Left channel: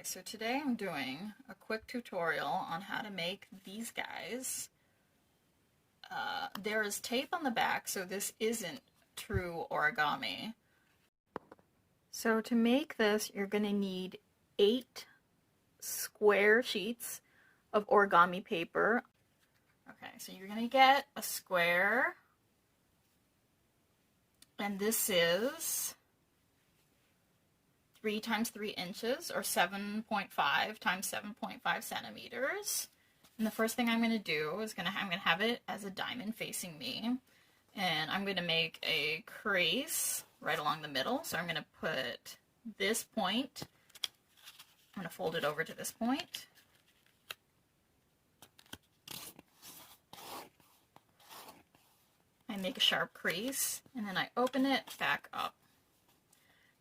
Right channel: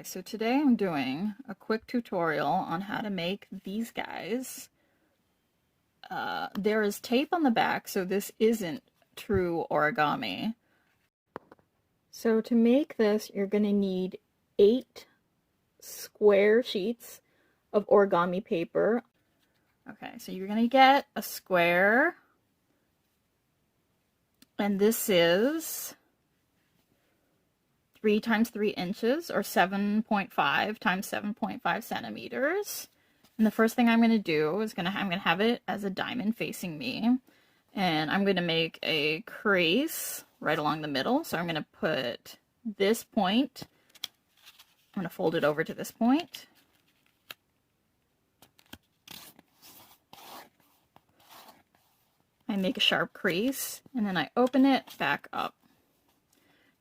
Okay, so today I'm doing a quick tutorial on how to make these guys. There is tape on the back, so this isn't true origami. So to make this, you're going to need 8 square sheets of origami paper. Okay, so you're going to get a square, and this is 3 times 3 inches, or 7.5 times 7.5 centimeters. And the first thing I'm going to do is I'm going to have it as a diamond facing me. And I'm going to make a crease right along the middle. So I'm going to put this point, I'm going to fold it over to this point. I make a sharp crease, and then I open it back up.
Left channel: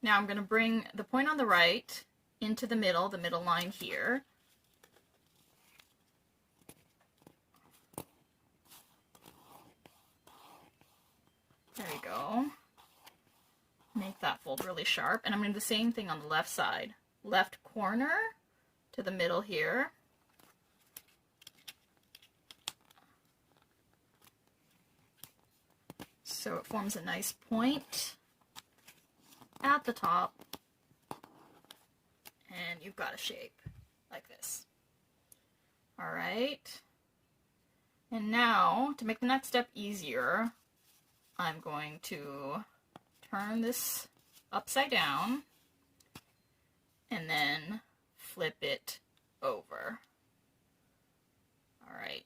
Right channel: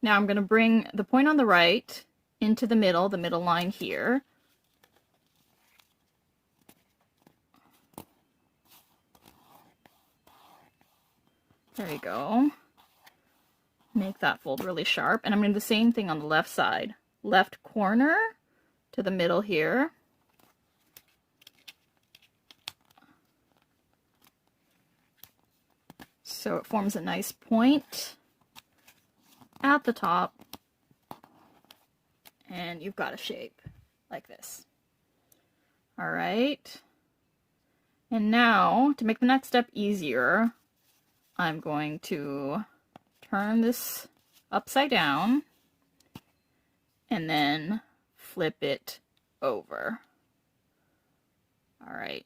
Now I'm going to bring the point on the right into the middle line here. There you go. Make that fold really sharp. And I'm going to do the same thing on the left side. Left corner to the middle here. So it forms a nice point at the top, and you've got a shape like this. All right, and now to make the next step easier, I'm going to turn this upside down and then flip it over. All right,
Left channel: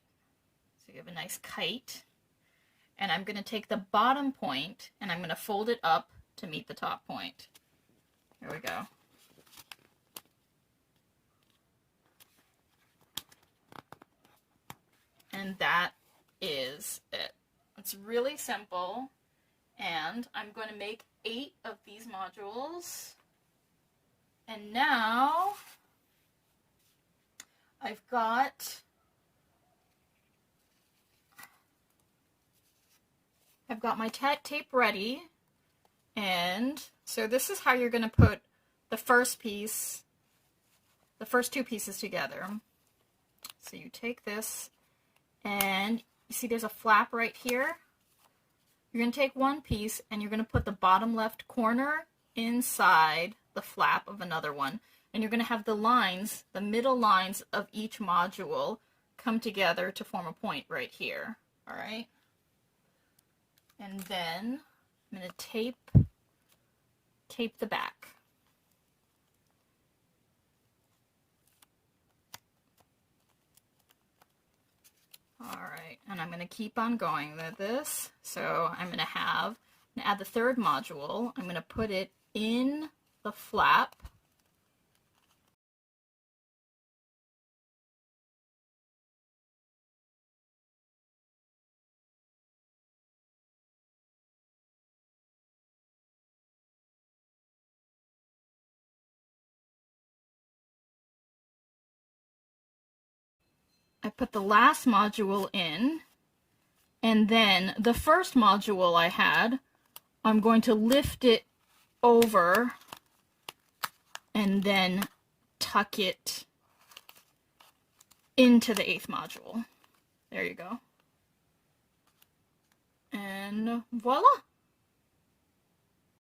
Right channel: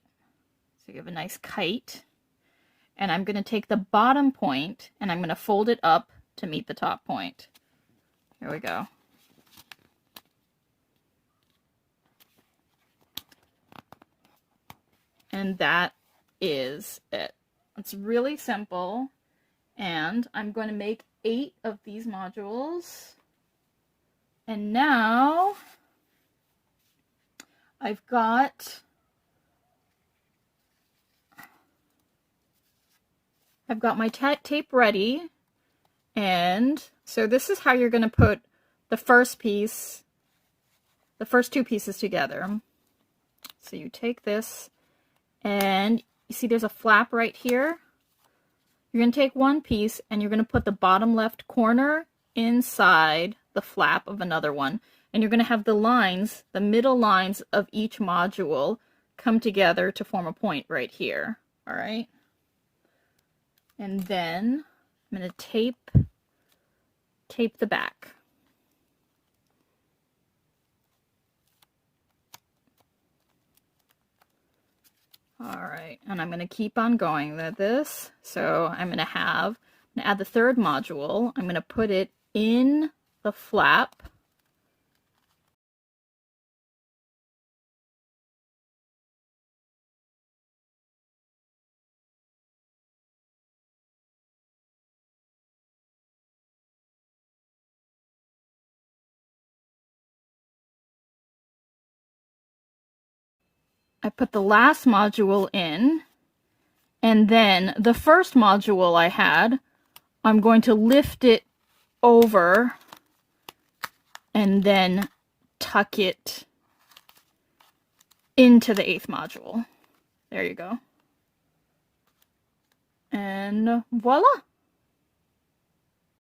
so you have a nice kite, and I'm going to take the bottom point and I'm going to fold it up to meet the top point. Here we go. And that is it. It's really simple. And I'm going to make 8 of these modules. And now I've got my tape ready. And so this is how you're going to put the first piece, the first 2 pieces together. So you take this, and you see there's a flap right here. You're going to take one piece and you're going to put the bottom left corner inside the flap of another one. And you're going to have the lines, the middle lines of each module come together to form a point right here. All right. And then I'm going to tape the back. All right, and I'm going to keep on going with this. So I'm going to add the 3rd module. I'm going to put it in the flap. I put the last module in, and then the first module I had, I'm going to lift it over and then tuck it into the 8th module. There you go. And voila!